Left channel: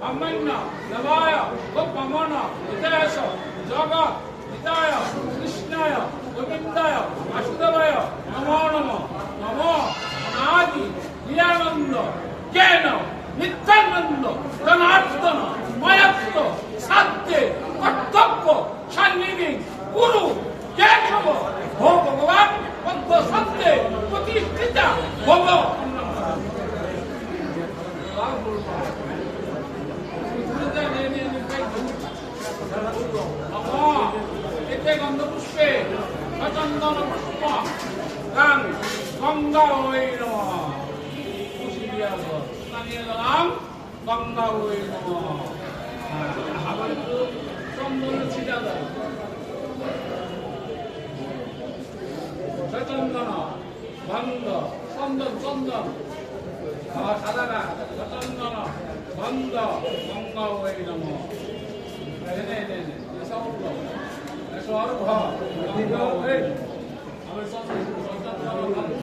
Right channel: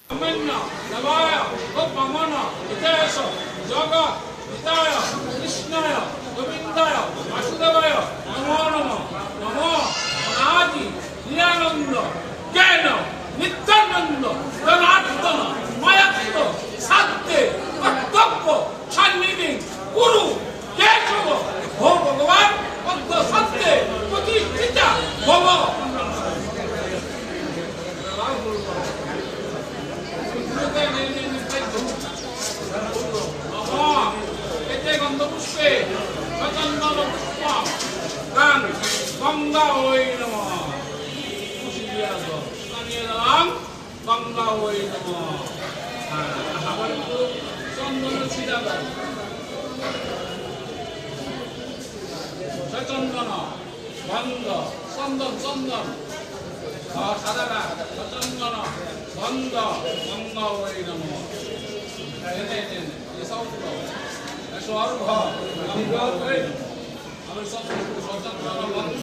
ব্রহ্মণ্য নবায় গোপমন হিতায়স জগৎ হিতায় কৃষ্ণায় গোবিন্দায় বাসুদেবায় নমো নমো নমো অনাদি নিরানন্দ জ্ঞান নিত্যানন্দ জনার্দন ময়ত্ব সাধ্যে কর্তব্য সান্নিধি গুরু কেশব ভো ভগবান পদ্ম সত্যে প্রতিষ্ঠিতা ভব এতে গন্ধপুষ্পে সচন্দন পুষ্প গান গঙ্গা ওই নমঃ গঙ্গা ওই নমঃ আবার একটু চন্দন ছিটা দেয় সচন্দন গন্ধ চন্দন চন্দন সাদা সচন্দন গন্ধ গঙ্গা ওই নমঃ সর্ব গঙ্গা ওই নমঃ